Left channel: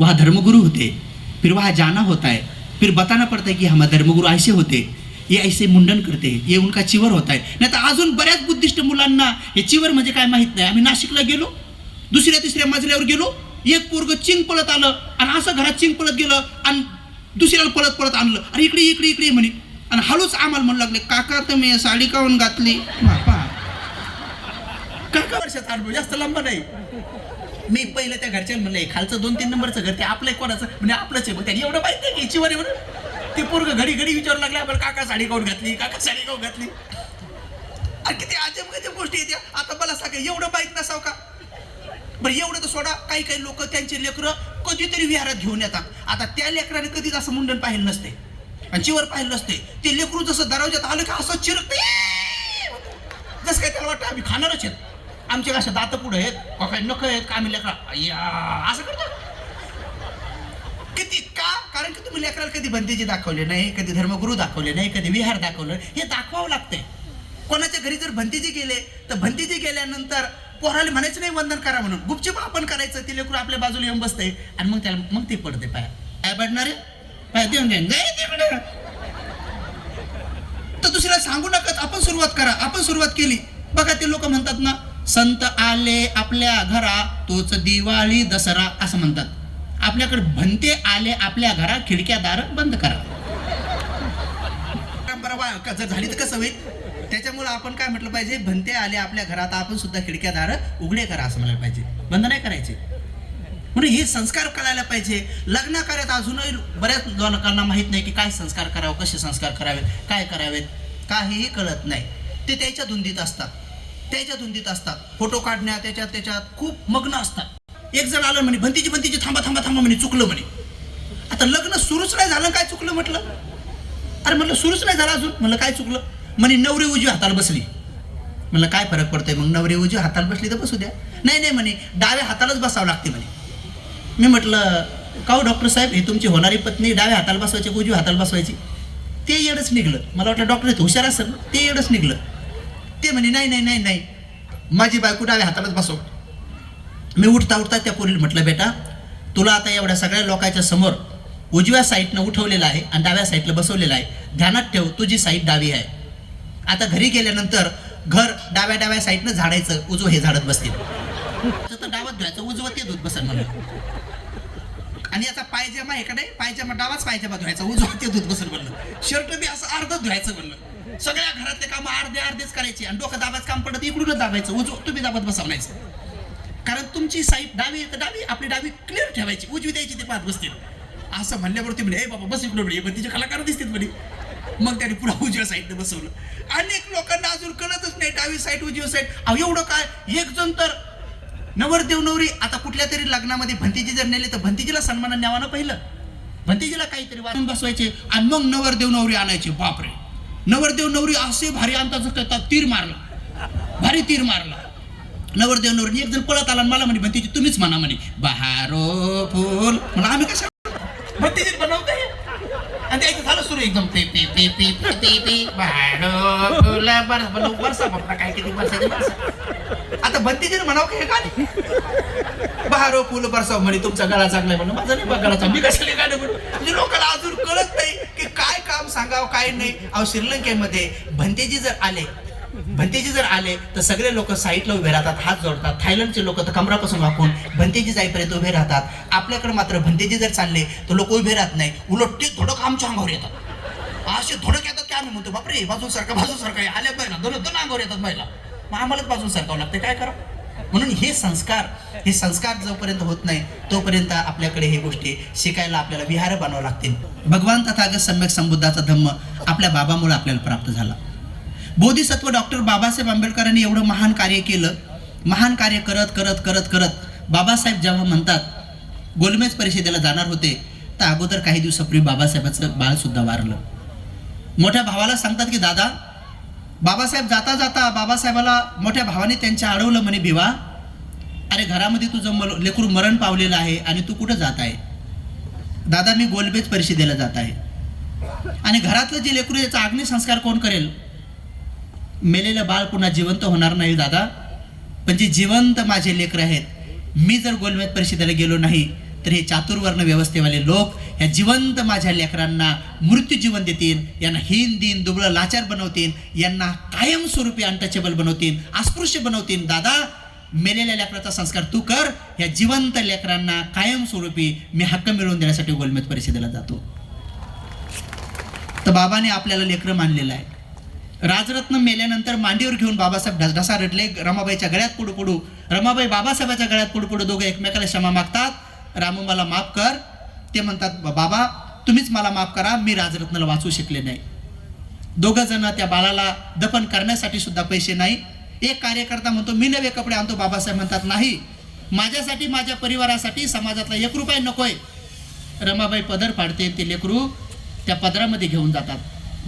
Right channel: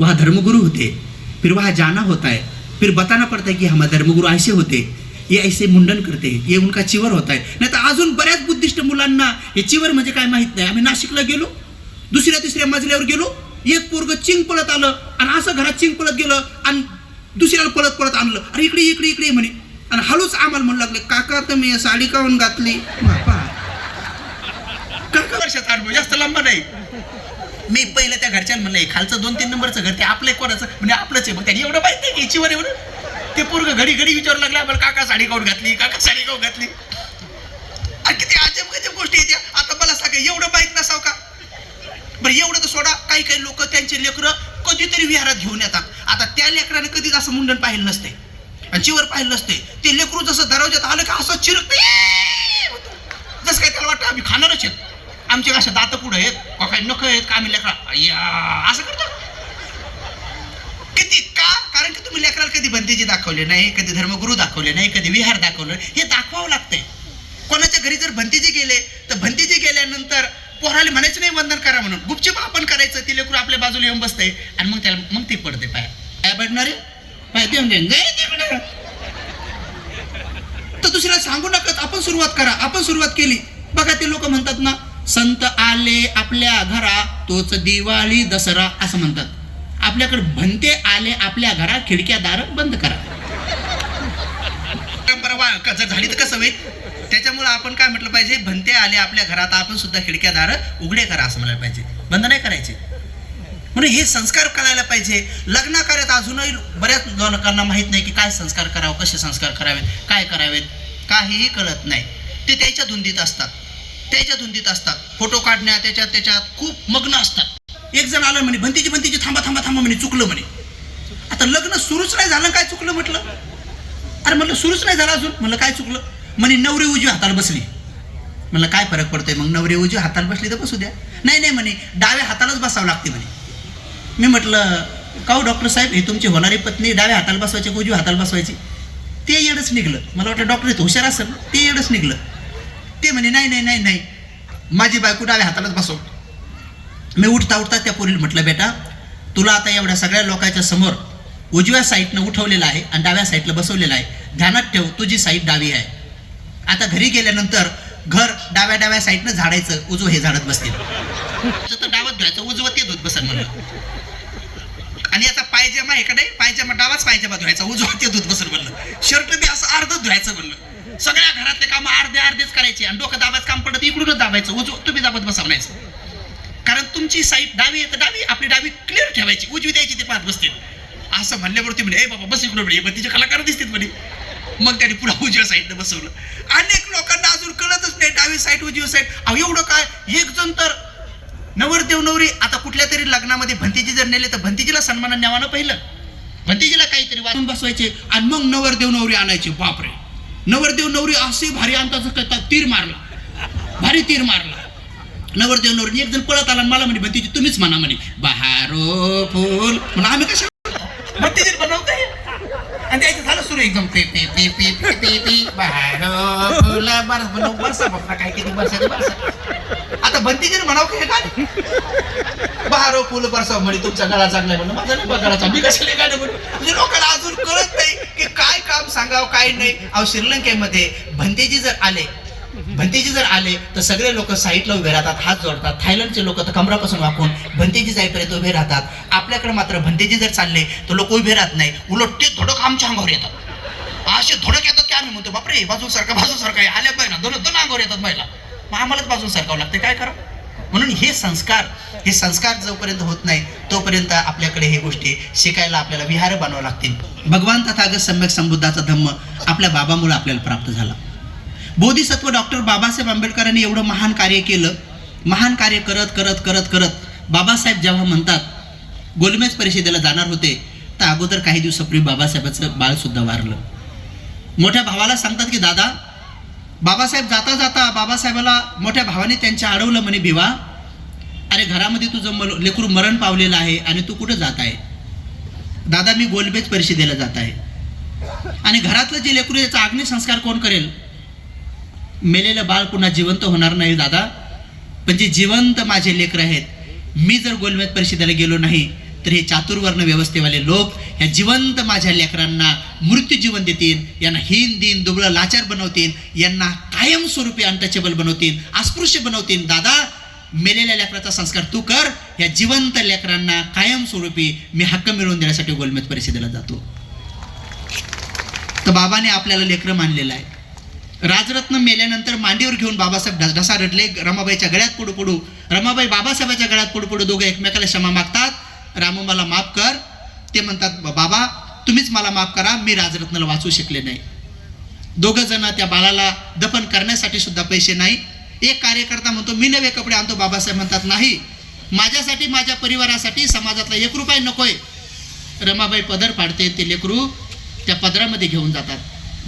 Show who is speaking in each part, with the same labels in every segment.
Speaker 1: वहाँ धर्मगुरु होते फिर वहाँ जाना होता है फिर बताना पड़ता है कि हमारे धर्मगुरु ऐसे होते ये ऐसे मुंडन करते ये उनका चिवर होत आहे नाही तर अजून बऱ्याच बुद्धिस्ट मुलांना हे चिवर म्हणजे काय माहीत नाही आम्ही नाशिकला गेलो दुसऱ्या तिसऱ्या मजल्यावर गेलो एक पोरग चिंग पळत आलं आणि असं घरात चिंग पळत गेलं आणि दुसऱ्याला पळत पळत आणलं अरे इकडे इकडे इकडे म्हणे आणि हळूच आम्हाला म्हणू लागले काका तुम्ही साडी काऊन घातली? काका. वर्षाचा अनुभव जास्त लांब नाही. मी पहिलं त्या घरच्याला म्हणलं खालचं दोन तीन नंबरचं घर ते आपलं कोणाचं? म्हणजे आपलंच आहे. मग त्यांनी एवढं माहिती आहे की याचीवर एवढं. ते पोरग घडी घडी विचारू लागले आपल्याला काका साडी काऊन घातली? काका साडी काऊन घातली? किती अजब गजब गोष्टी येत्या आता मला सांगा एवढं माहीत नसावं का? बरं एवढं तर सोडा. काही काही लोक त्यांचे लेकरं कधीतरी विहारात घेऊन येतात. आता त्या लेकराने कधीच असं मुंडन पाहिलं नसते. आणि चिवर पाहिलं नसते. ते लेकरू जसं दरवाज्यात आलं का असं चिरकते जसं काय त्याला वाटतं आम्ही खाणारच आहेत. आमचे कसं दात पुढे आहेत का काही नख आहेत का आम्ही लेकरा? असं करतो. किती का? कारण की तुम्ही लेकराला कधी बंदीजी दाखवले नाही कधी धर्मगुरू दाखवले नाही कधी विहार दाखवलं हे दाखवावं लागतंय. कोणाच्या घरी जर भंतीजी गेले तर भंतीजी गेल्यानंतर पोराला म्हणायचं नाही वंदन करा म्हणून. गुपचूप आपण करायचं ते लेकरू आपल्या बाजूला येऊन बसते आणि मग त्याला मग ते पडते पाय. काय पडणार देऊन नाही तर दुसऱ्याला सांगू नका आपण सुरुवात करा. आपण सुरुवात केली. बघा ते लोक म्हणतात ना संत आले आपल्या घरा तोच दिवाळी दसरा असं म्हणतात. आपल्याकडे भंते आले आपल्या घरा खिडक्या दार बंद करा. परंपरा जर झाली तर कसं होईल? त्याच्यामुळे आपण काय म्हटलं पाहिजे? भंते आले आपल्या घरात आपण सुद्धा खिडक्या दार उघडे करा असं म्हणायला पाहिजे. बंद नाही करायचे. म्हणून हे संस्कार करायला पाहिजे. लग्न कार्यात अजूनही बऱ्याच लोकांना माहीत नाही की काय संस्कार करावं कसे संस्कार करावेत काय करावेत. काहीही कळत नाही. ते त्याच्या धुंदीत असतात. त्याच्या धुंदीत असतात. फोटो काढण्यात त्याच्यात त्याच्यात खूप मग्न असतात. एक जण आलं म्हणे भंतीची भंतीची थांबा थांबा थांबा म्हणे चुकलं म्हणे. आता लग्न सुरूच नाही झालं काय चुकलं म्हटलं? अरे म्हटलं सुरूच नाही झालं अजून. म्हणलं काय चुकलं? म्हणे नवरी उजवी हाताला बसली. म्हणलं काय फरक पडतोय मग? नवरी उजवी हाताला बसली तर बसू द्या. नाही नाही म्हणे डाव्या हातालाच बसावं लागते म्हणे. मी म्हटलं काऊ डॉक्टर साहेब ही तुमची होणारी पत्नी डाव्या हाताला बसवायची उजवी हाताला बसवायची? ते येडच निघलं. मला वाटलं डॉक्टर हुशार असेल ते येडच निघलं. ते म्हणे नाही नाही नाही नाही. माझी बायको डाव्या हातालाच बसव मी उठता उठता त्या पोरीला म्हटलं बेटा तुला आता एवढ्या सगळ्या लोकांच्या समोर उजव्या साईडनं उठवलेलं आहे आणि डाव्या साईडला बसवलेलं आहे. ध्यानात ठेव तुझी साईड डावी आहे. आता घरी गेल्यानंतर घर डाव्या डाव्या साईडनं झाडायचं उजव हे झाडत बसतील. तर डावात धुवायचं उजवं ते धुत बसन म्हणलं. आणि याचा पायजमा इकडे का नाही? डावाच पायजमा धुवायचा उजवा ते धुत बसल म्हणलं. शर्ट बी असं अर्ध धुवायचं म्हणलं. सगळ्या घरातले काम अर्धे अर्धेच करायचे आणि डोकं दाबायचं काम पडत इकडूनच दाबायचं. उजव तुम्ही दाबत बसवण्याचं कारण तुमची साईड डावी आहे तर डावी आपली डावी क्लिअर ठेवायची. उजवी द्यायची ते पाहत बसतील. असं म्हणल्यावर ते म्हणे ए बाबा बस इकडे म्हणे. तिचे कलाकार दिसतील म्हणे. मग त्याने पुन्हा उजव्या साईडनं बसवलं. अनेक लोकांना अजून कळतच नाही डावी साईड उजवी साईड. अहो एवढं काय? एक जण तर नवरदेव नवरी आता कुठल्या तरी लग्नामध्ये भंतीजी जर नेले तर भंतीजीला सन्मान न्यावानं पहिलं. भंतीजीला काहीतरी वाचून बसवायचे आणि मग नवरदेव नवरी आणायचे. बापरे. नवरदेव नवरी असे भारी आणतात जसं तीर मारला. भारी तीर मारला. नवरदेव नवरी एक जण पळत आला मला म्हणे भंतीजी तुम्हीच म्हणा म्हणे बहारो फुल. म्हणा आम्ही कशा भंतीजी बनवते आणि त्याचं झालं सुरू एकदम पे पे पे पे पे पे पे बहारो फुल. बरस बनव बरसा बापरा काय किती बरसाचे बरसा आता भंतीजीने म्हणाव की हे काय बहारो फुल बरसा म्हणे तुमचा गळा चांगला म्हणून माझा नाही गळा चांगला. मी कशाला गाणं म्हणून म्हणजे लोकांना अजून कळत नाही की काय सांगावं काय नाही. अहो श्रीलंकेमध्ये भंतेजी जर आले भंतेजी जर आले तर सगळे लोक साईडला उभे राहतात हात जोडतात. थायलंडचे लोक तर कमरापासून वाकून भंतेजी जाईपर्यंत उभे राहतात. आपल्याकडे मात्र भंतेजी जर चालले तर लोक उभे राहत नाही. उलट ते थोडं आमच्या अंगावर येतात. असे थोडक येतात की आम्ही म्हणतो बापरे बाजू सारखा बाजू सारखा आल्या पाहिजे ना दोन दोन अंगावर येतात महिला. मग आम्हालाच बाजून सरकावं लागते काय करा म्हणून हे संस्कार हे संस्कार जोपर्यंत होत नाही तोपर्यंत आपल्याकडे हे गोष्टी शिकायला आपल्याला विहार बनवावं लागतील. भगवान तथागत सम्यक संबुद्धाचा धम्म आपल्या बाबामुळे आपल्याला प्राप्त झाला. बोधिसत्व डॉक्टर बाबासाहेब आंबेडकरांनी एवढं महान कार्य केलं. महान कार्य करत करत करत करत बाबासाहेब जेव्हा म्हणतात गोलमेज परिषदेला जाणार होते तर अगोदर काही दिवसापूर्वी बाबासाहेबाचं बाळसुद्धा वारलं. मोठ्या भावाला सांगतात की दादा बाबासाहेब जाता जाता बाबासाहेबाला मोठ्या भावाने त्यांच्या अडवलं म्हणे भिवा. अरे घरामध्ये तुझं मल लेकरू मरण पावलेलं आहे आणि तू कुठं जात आहे? दादा मी गोलबेज परिषदेला जात आहे. आणि घरातलं जे लेकरू याचा अग्निसंस्कार कोण करेल? मेलेलं बाळ पुन्हा जिवंत होणार नाही दादा. पण जे जिवंत माझे लेकर आहेत मी जर गोलमेज परिषदेला गेलो नाही तर हे चातुर्वर्ण व्यवस्थेवाले लोक ह्या जिवंत माझ्या लेकरांना मृत्यू जीवन देतील यांना हीन दिन दुबळं लाचार बनवतील यांना कायमस्वरूपी अनटचेबल बनवतील अस्पृश्य बनवतील. दादा मेलेल्या लेकराचा संस्कार तू कर. या जिवंत लेकरांना कायमस्वरूपी मी हक्क मिळवून देण्यासाठी गोलमेज परिषदेला जातो. तर बाबाने आपल्याला लेकरं मानलेलं आहे. राजरत्न मेल्यानंतर मांडीवर घेऊन बाबासाहेब ढस- ढसा रडले. रमाबाईच्या गळ्यात पुढू पुढू रमाबाई बाबासाहेबाच्या गळ्यात पुढू पुढू दोघं एकमेकाला क्षमा मागतात. रामू मला माफ कर. ते म्हणतात बाबा तुम्हीच मला माफ करा. मी राजरत्नाला वाचू शकले नाही. दोघं जण त्या बाळाला दफन करण्यासाठी सुद्धा पैसे नाही. एक कार्यकर्ता म्हणतो मी नवे कपडे आणतो. बाबासाहेब म्हणतात नाही. माझ्यासाठी माझ्या परिवारासाठी समाजातला एक रुपये नकोय. रमाबाई पदर पाडते ते लेकरू त्या पदरामध्ये घेऊन जातात.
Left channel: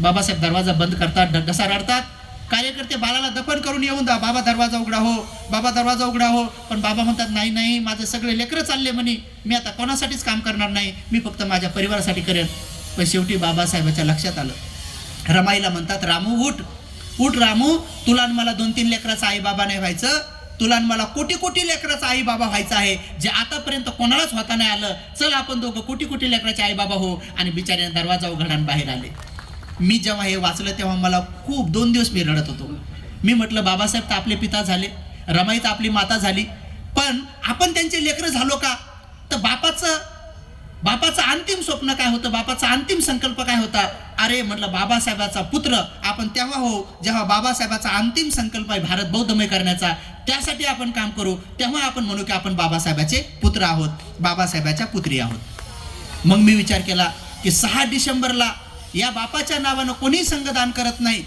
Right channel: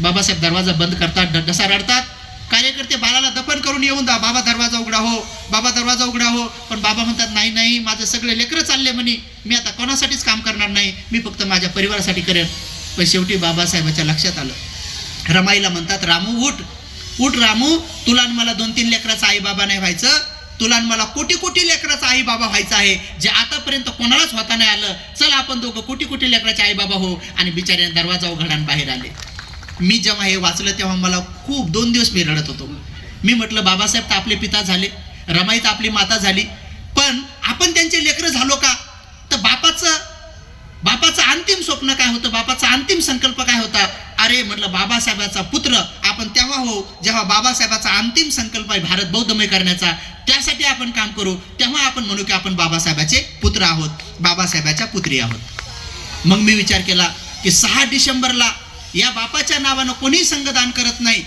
Speaker 1: बाबासाहेब दरवाजा बंद करतात डसा रडतात. कार्यकर्ते बाळाला दफन करून येऊन जा बाबा दरवाजा उघडा हो. बाबा दरवाजा उघडा हो. पण बाबा म्हणतात नाही नाही. माझं सगळे लेकरं चालले म्हणे. मी आता कोणासाठीच काम करणार नाही. मी फक्त माझ्या परिवारासाठी करेन. पण शेवटी बाबासाहेबाच्या लक्षात आलं. रमाईला म्हणतात रामू उठ. उठ रामू तुला मला दोन तीन लेकराचा आई बाबा नाही व्हायचं. तुला मला कोटी कोटी लेकराचा आई बाबा व्हायचा आहे. जे आतापर्यंत कोणालाच होता नाही आलं. चल आपण दोघं कोटी कोटी लेकराचे आई बाबा हो आणि बिचारे दरवाजा उघडान बाहेर आले. मी जेव्हा हे वाचलं तेव्हा मला खूप दोन दिवस मी रडत होतो. मी म्हटलं बाबासाहेब तर आपले पिता झाले. रमाई तर आपली माता झाली. पण आपण त्यांचे लेकरं झालो का? तर बापाचं बापाचं अंतिम स्वप्न काय होतं? बापाचा अंतिम संकल्प काय होता? अरे म्हटलं बाबासाहेबाचा पुत्र जेव्हा बाबासाहेबाचा अंतिम संकल्प आहे भारत बौद्धमय करण्याचा त्यासाठी आपण काम करू तेव्हा आपण म्हणू की आपण बाबासाहेबाचे पुत्र आहोत बाबासाहेबाच्या पुत्री आहोत. मग मी विचार केला की सहा डिसेंबरला या बापाच्या नावानं कोणी संघदान करत नाही.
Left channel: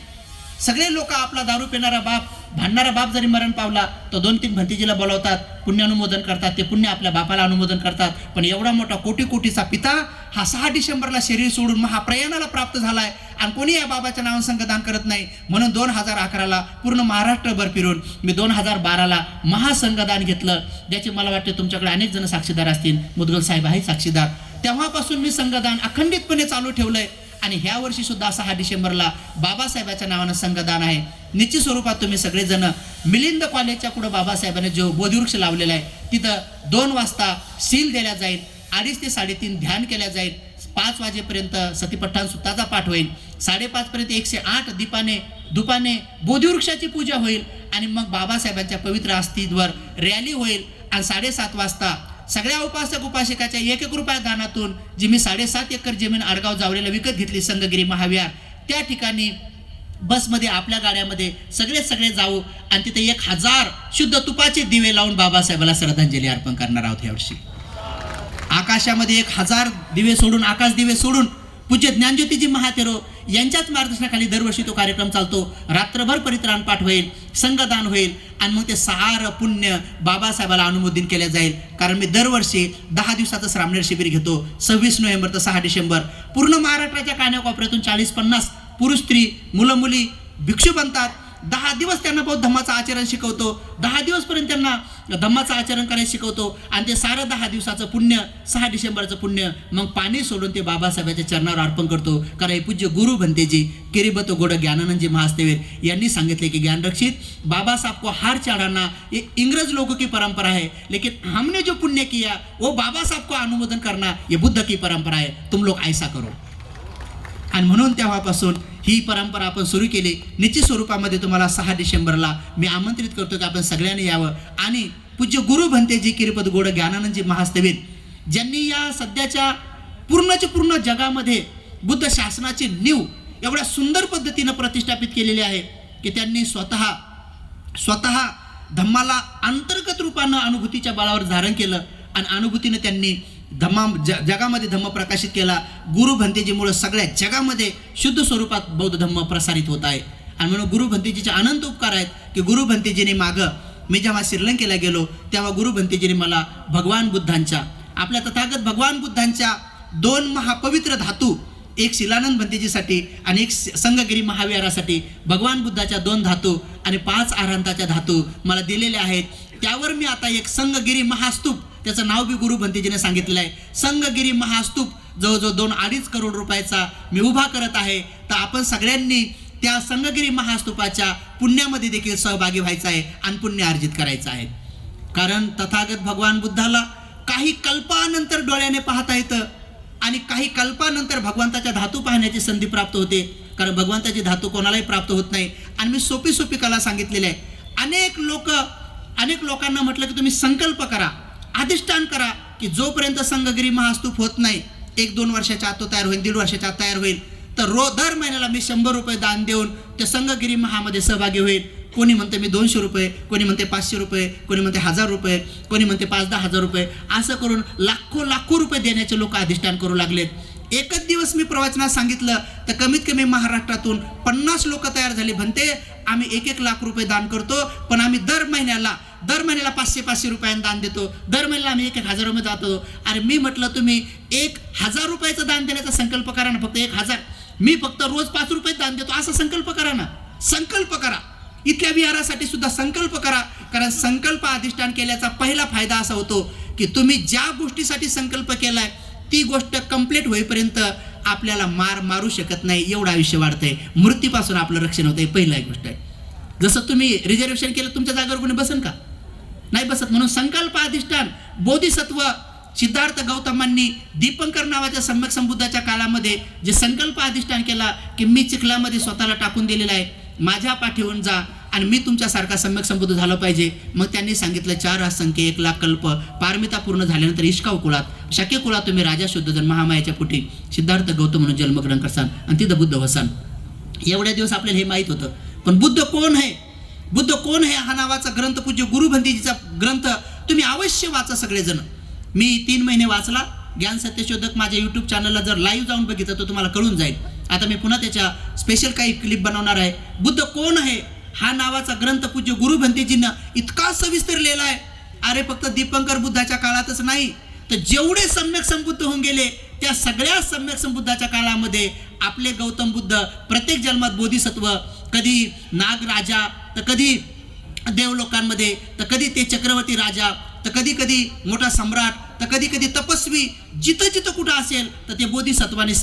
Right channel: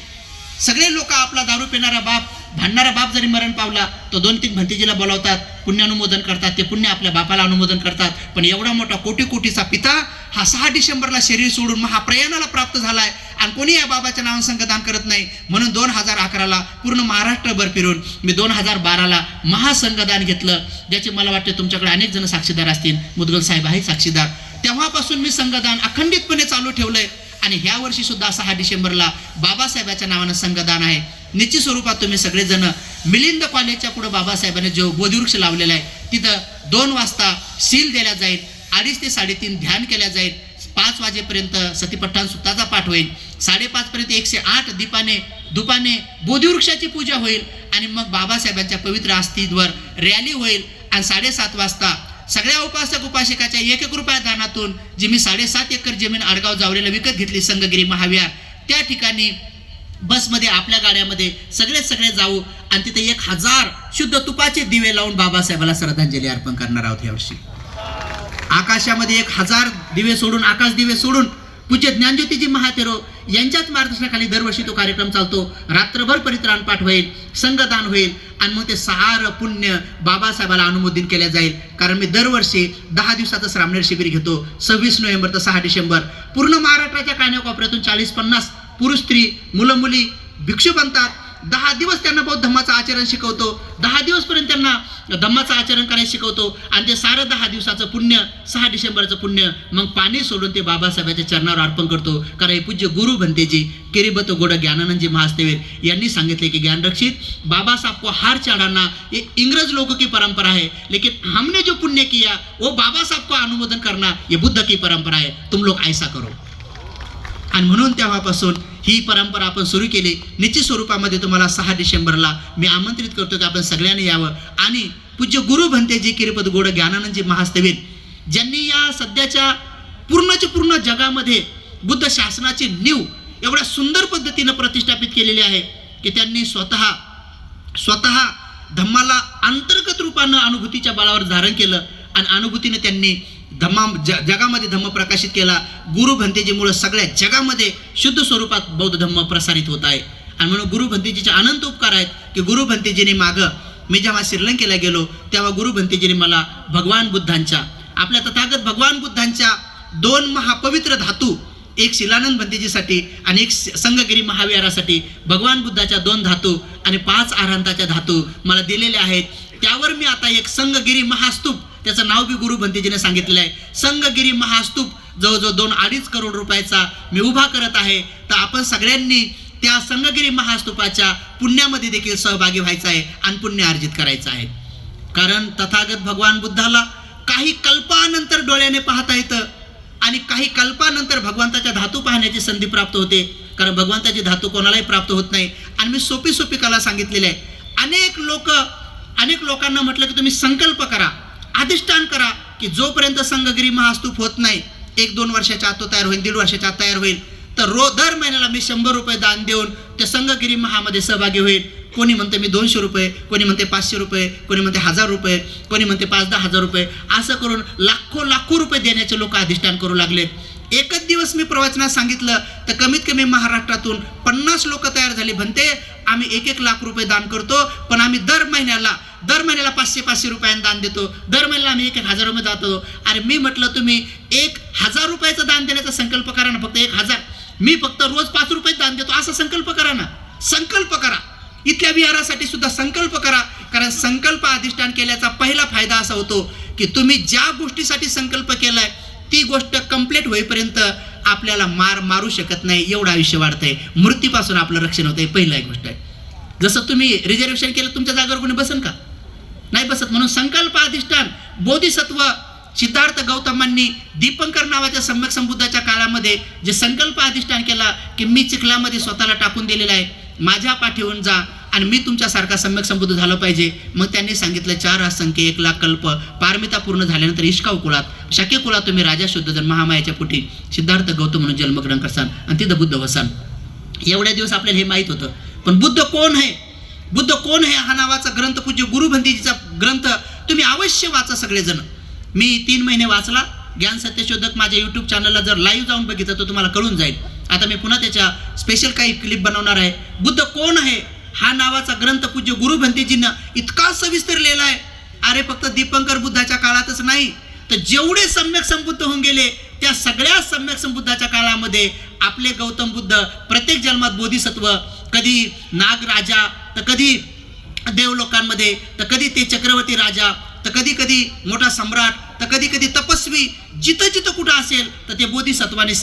Speaker 1: सगळे लोक आपला दारू पिणारा बाप भांडणारा बाप जरी मरण पावला तर दोन तीन भंतीजीला बोलावतात पुण्यानुमोदन करतात ते पुण्य आपल्या बापाला अनुमोदन करतात. पण एवढा मोठा कोटी कोटीचा पिता हा सहा डिसेंबरला शरीर सोडून महाप्रयाणाला प्राप्त झालाय. आणि कोणी या बाबाच्या नावानं संघदान करत नाही? म्हणून दोन हजार अकराला पूर्ण महाराष्ट्रभर फिरून मी दोन हजार बाराला महासंघदान घेतलं. ज्याचे मला वाटते तुमच्याकडे अनेक जण साक्षीदार असतील. मुदगल साहेब आहे साक्षीदार. तेव्हापासून मी संघदान अखंडितपणे चालू ठेवलंय. आणि ह्या वर्षी सुद्धा सहा डिसेंबरला बाबासाहेबाच्या नावानं संघदान आहे. निश्चित स्वरूपात तुम्ही सगळेजण मिलिंद कॉलेजच्या पुढे बाबासाहेबांनी जो बोधवृक्ष लावलेला आहे तिथं दोन वाजता सील दिल्या जाईल. अडीच ते साडेतीन ध्यान केल्या जाईल. पाच वाजेपर्यंत सतीपट्टान सुताचा पाठ होईल. साडेपाच पर्यंत एकशे आठ दीपाने दुपाने बोधिवृक्षाची पूजा होईल आणि मग बाबासाहेबांच्या पवित्र आस्तीवर रॅली होईल. आणि साडेसात वाजता सगळ्या उपासक उपासिकाच्या एक एक रुपया दानातून जी मी साडेसात एकर जमीन आडगाव जावरेला विकत घेतली संगगिरी महाविहार त्या ठिकाणी बसमध्ये आपल्या गाड्यामध्ये सगळे सगळे जाऊ आणि तिथे एक हजार शुद्ध तुपाचे दिवे लावून बाबासाहेबाला श्रद्धांजली अर्पण करणार आहोत यावर्षी आकाशामध्ये एक हजार दिवे सोडून आकाश दिवे सोडून पूज्य ज्ञानज्योतीजी महातेरो यांच्याच मार्गदर्शनाखाली दरवर्षी तो कार्यक्रम चालतो. रात्रभर परित्राण पाठ होईल संगदान होईल आणि मग ते सार पुण्य बाबासाहेबाला अनुमोदित केल्या जाईल. कारण मी दरवर्षी दहा दिवसाचं श्रामणेर शिबिर घेतो. सव्वीस नोव्हेंबर तर सहा डिसेंबर. पूर्ण महाराष्ट्राच्या कान्याकोपऱ्यातून चाळीस पन्नास पुरुष स्त्री मुलं मुली भिक्षू बनतात. दहा दिवस त्यांना बौद्ध धम्माचं आचरण शिकवतो. दहा दिवसपर्यंत त्यांना धम्माचं आचरण करायला शिकवतो. आणि ते सारं दहा दिवसाचं पुण्य सहा डिसेंबरचं पुण्य मग पाणी सोडून ते बाबासाहेबाच्या चरणावर अर्पण करतो. कारण हे पूज्य गुरु बनतेजी किरीबत गोड ज्ञानानंदजी महास्तेवीर यांनी सांगितले की ज्ञानरक्षित बाबासाहेब को हार चढ़ाना ये इंग्रज लोगों की परंपरा है. लेकिन हमने जो पुण्य किया वो बाबा साहब को अनुमोदन करना ये बुद्ध की परंपरा है. तुम लोग ऐसा करो. आणि म्हणून तेव्हापासून ही परंपरा आपण सुरू केली. निश्चित स्वरूपामध्ये तुम्हाला सहा डिसेंबरला मी आमंत्रित करतो की आपण सगळ्यांनी यावं. आणि पूज्य गुरु भंतेजी किरीपद गोड ज्ञानानंदजी महास्तवीर ज्यांनी या सध्याच्या पूर्णच्या पूर्ण जगामध्ये बुद्ध शासनाची नीव एवढ्या सुंदर पद्धतीनं प्रतिष्ठापित केलेली आहे की त्यांनी स्वतः स्वतः धम्माला अंतर्गत रूपानं अनुभूतीच्या बळावर धारण केलं. आणि अनुभूतीने त्यांनी धम्मा ज जगामध्ये धम्म प्रकाशित केला. गुरु भंतेजीमुळं सगळ्या जगामध्ये शुद्ध स्वरूपात बौद्ध धम्म प्रसारित होत आहे. आणि म्हणून गुरु भंतेजीचे अनंत उपकार आहेत की गुरु भंतेजीने मागं मी जेव्हा श्रीलंकेला गेलो तेव्हा गुरु भंतेजीने मला भगवान बुद्धांच्या आपल्या तथागत भगवान बुद्धांच्या दोन महापवित्र धातू एक शिलानंद भंतेजीसाठी आणि एक संगगिरी महाविहारासाठी भगवान बुद्धाच्या दोन धातू आणि पाच आरांताच्या धातू मला दिलेल्या आहेत. त्यावर मी आता एक संगगिरी महास्तूप त्याचं नाव बी गुरु भंतेजीने सांगितलेलं आहे. संगगिरी महास्तूप जवळजवळ दोन अडीच करोड रुपयाचा मी उभा करत आहे. तर आपण सगळ्यांनी त्या संगगिरी महास्तूपाच्या पुण्यामध्ये देखील सहभागी व्हायचं आहे आणि पुण्य अर्जित करायचं आहे. कारण तथागत भगवान बुद्धाला काही कल्पानंतर डोळ्याने पाहता येतं आणि काही कल्पानंतर भगवंताच्या धातू पाहण्याची संधी प्राप्त होते. कारण भगवंताची धातू कोणालाही प्राप्त होत नाही. आणि मी सोपी सोपी कला सांगितलेली आहे. अनेक लोक अनेक लोकांना म्हटलं की तुम्ही संकल्प करा. अधिष्ठान करा की जोपर्यंत संघगिरी महास्तूप होत नाही एक दोन वर्षाच्या आत तो तयार होईल दीड वर्षाच्या आत तयार होईल. तर रो दर महिन्याला मी शंभर रुपये दान देऊन त्या संघगिरी महामध्ये सहभागी होईल. कोणी म्हणते मी दोनशे रुपये कोणी म्हणते पाचशे रुपये कोणी म्हणते हजार रुपये कोणी म्हणते पाच दहा हजार रुपये असं करून लाखो लाखो रुपये देण्याचे लोक अधिष्ठान करू लागलेत. एकच दिवस मी प्रवचनात सांगितलं तर कमीत कमी महाराष्ट्रातून पन्नास लोक तयार झाले. म्हणते आम्ही एक एक लाख रुपये दान करतो पण आम्ही दर महिन्याला दर महिन्याला पाचशे पाचशे रुपयांना दान देतो. दर महिन्याला आम्ही एक एक हजारामध्ये जातो. अरे मी म्हटलं तुम्ही एक हजार रुपयाचं दान देण्याचा संकल्प करा ना फक्त एक हजार. मी फक्त रोज पाच रुपये दान देतो. असा संकल्प करा ना. संकल्प करा. इथल्या विहारासाठी सुद्धा संकल्प करा. कारण संकल्प अधिष्ठान केल्याचा पहिला फायदा असा होतो की तुम्ही ज्या गोष्टीसाठी संकल्प केलाय ती गोष्ट कंप्लीट होईपर्यंत आपल्याला मार मारू शकत नाही. एवढं आयुष्य वाढतंय. मृत्यूपासून आपलं रक्षण होतंय. पहिला एक गोष्ट आहे. जसं तुम्ही रिझर्वेशन केलं तुमच्या जागेवर कोणी बसन का? नाही बसत. म्हणून संकल्प अधिष्ठान बोधिसत्व सिद्धार्थ गौतमांनी दीपंकर नावाच्या सम्यक संबुद्धाच्या काळामध्ये जे संकल्प अधिष्ठान केला की मी चिखलामध्ये स्वतःला टाकून दिलेला आहे माझ्या पाठीवरून जा आणि मी तुमच्यासारखा सम्यक संबुद्ध झालं पाहिजे. मग त्यांनी सांगितलं चार असंख्य एक लाख कल्प पारमिता पूर्ण झाल्यानंतर इष्काव कुळात शक्य कुळात तुम्ही राजा शुद्ध जन महामायाच्या पोटी सिद्धार्थ गौतम म्हणून जन्मग्रहण करसान आणि तिथं बुद्ध वसान. एवढ्या दिवस आपल्याला हे माहीत होतं. पण बुद्ध कोण आहे? बुद्ध कोण आहे हा नावाचा ग्रंथ पूज्य गुरुभंतीजीचा ग्रंथ तुम्ही अवश्य वाचा सगळेजण. मी तीन महिने वाचला. ज्ञान सत्यशोधक माझ्या यूट्यूब चॅनलला जर लाईव्ह जाऊन बघितलं तर तुम्हाला कळून जाईल. आता मी पुन्हा त्याच्या स्पेशल काही क्लिप बनवणार आहे. बुद्ध कोण आहे? हा नावाचा ग्रंथ पूज्य गुरुभंतीजींना इतका सविस्तर लिहिला आहे. अरे फक्त दीपंकर बुद्धाच्या काळातच नाही. तर जेवढे सम्यक संबुद्ध होऊन गेले त्या सगळ्या सम्यक संबुद्धाच्या काळामध्ये आपले गौतम बुद्ध प्रत्येक जन्मात बोधिसत्व कधी नागराजा तर कधी देवलोकांमध्ये तर कधी ते चक्रवर्ती राजा तर कधी कधी मोठा सम्राट तर कधी कधी तपस्वी जिथं जिथं कुठं असेल तर ते बोधिसत्वाने